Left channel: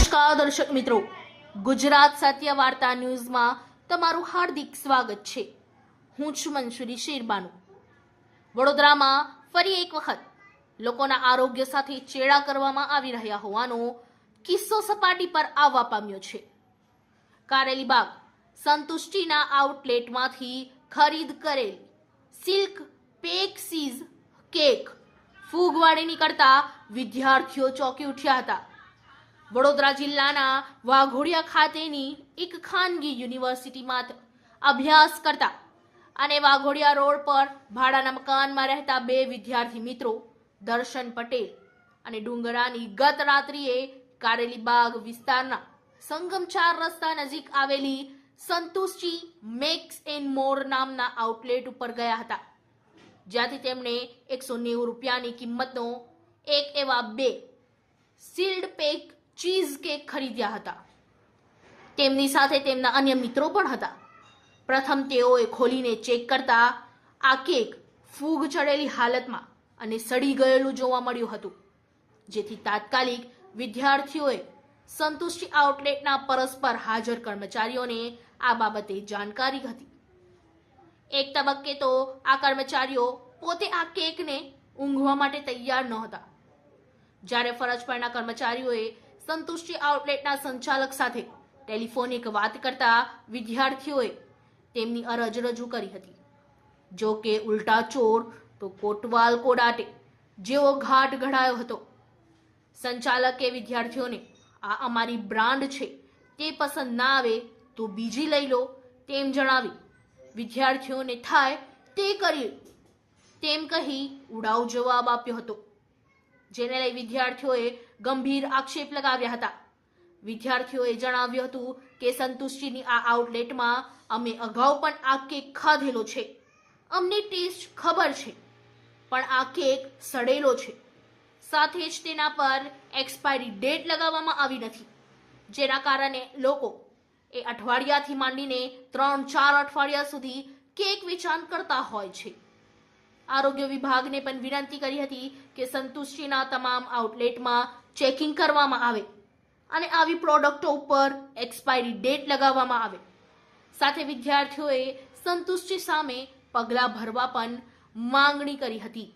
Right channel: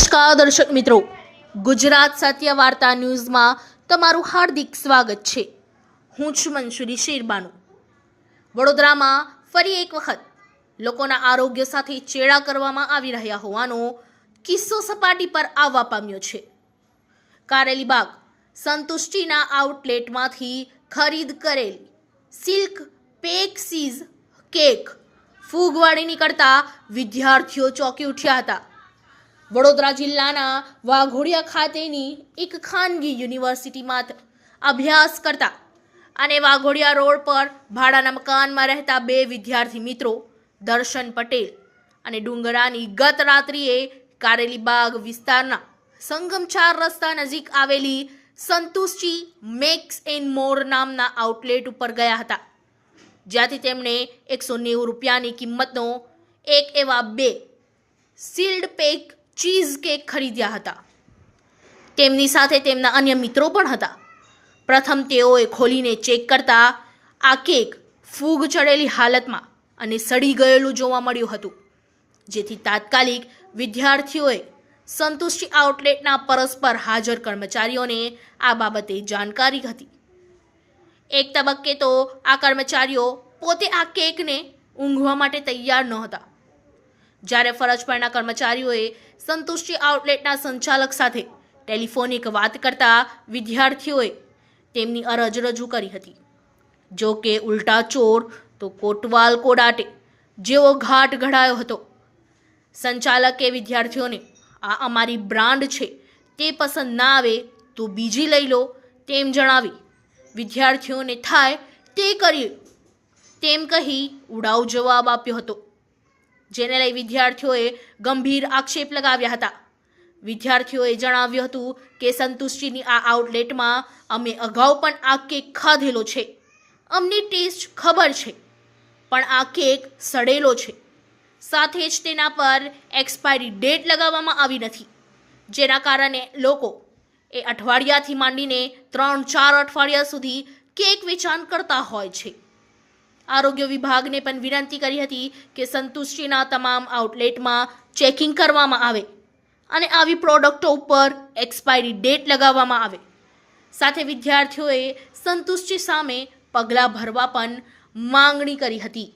નમસ્કાર દર્શક મિત્રો, ગુજરાત સત્ય વાર્તા ન્યૂઝમાં તમારું હાર્દિક સ્વાગત છે। હું છું મંસૂરી શેરબાનુ। વડોદરામાં ફરી એક વખત લોકોના આરોગ્ય સાથે ચેડા કરવામાં આવી રહ્યા હોવાનો કિસ્સો સપાટી પર આવવા પામ્યો છે। કારેલીબાગ સંતુષ્ટિના આઉટલેટમાંથી ખરીદ કરેલ સિલ્ક પેક્સીઝ કેક ફૂગવાળી નીકળતા વિદ્યાર્થીઓ ચોંકી ઉઠ્યા હતા। વડોદરા જિલ્લાના વાઘોડિયા ખાતેની એક ખાનગી યુનિવર્સિટીમાં અભ્યાસ કરતા અને વાઘોડિયા રોડ પર ભાડાના મકાનમાં રહેતા બે વિદ્યાર્થી મિત્રો દર્શન પટેલ અને ડુંગરાની ગત રાત્રિએ કારેલીબાગ વિસ્તારના સંગમ 4 રસ્તા નજીક આવેલી સંતુષ્ટિ મેક્સ એન્ડ મોર નામના આઉટલેટ ઉપર ગયા હતા, જ્યાંથી તેમણે 190 રૂપિયાની કિંમતનો એક એવા બે સીલ્ડ પેક ચીઝ કેક ખરીદ્યા હતા। તેમની સાથે તેમના અન્ય મિત્રો પણ હતા। પ્રથમ તેઓએ ખોલીને ચેક કરતા આ કેક ફૂગ ચડેલી હાલતમાં અને સડી ગયેલું જોવા મળ્યું હતું, જેથી તાત્કાલિક વિદ્યાર્થીઓએ સંતુષ્ટિ આઉટલેટના પરસ્પર હાજર કર્મચારીઓને આ બાબતે જાણકારી હતી। એક તબક્કે તો આ કર્મચારીઓ પોતે આ કેકને ઊંઘવા માટે તૈયાર નહોતા, જ્યારે ફરજ પરના કર્મચારીઓએ સંતુષ્ટિ આઉટલેટના સંચાલક સાથે ટેલિફોનિક વાત કરતા વિદ્યાર્થીઓએ તેમની અરજ રજૂ કરી હતી। જો કે ઉલટા ચોર તો કોટવાલ કોડાટે જેવો ઘાટ ઘડાયો હતો। સંચાલકે વિદ્યાર્થીઓને આ અમારી બ્રાન્ડ છે, તે પસંદ ના આવે તો બીજી લઈ લો તેમ જણાવી વિદ્યાર્થીઓને થાય તે કરીએ તેમ કહી ઉડાવ જવાબ આપ્યો હતો, જેને લઈ વિદ્યાર્થીઓએ ગંભીર આક્ષેપ લગાવ્યા હતા। વિદ્યાર્થીઓએ જણાવ્યું હતું કે સંતુષ્ટિની આ આઉટલેટમાં અમે અગાઉ પણ આ કેક ખાધેલો છે, અમને ટેસ્ટ ખબર છે, પણ આ કેક સડેલો છે, સાથે જ તેના પર એક્સપાયરી ડેટ લગાવવામાં આવી નથી, જેના કારણે લોકો એ અઠવાડિયાથી માંડીને 3-4 અઠવાડિયા સુધી કેક વેચાણ કરતા હોય છે। આરોગ્ય વિભાગને પણ વિનંતી કરી હતી કે સંતુષ્ટિના તમામ આઉટલેટમાં ચેકિંગ કરવામાં આવે અને આવી પ્રોડક્ટો ઉપર એક્સપાયરી ડેટ લગાવવામાં આવે। સાથે વિદ્યાર્થીઓએ સંતુષ્ટિ સામે પગલાં ભરવા પણ માંગણી કરી હતી।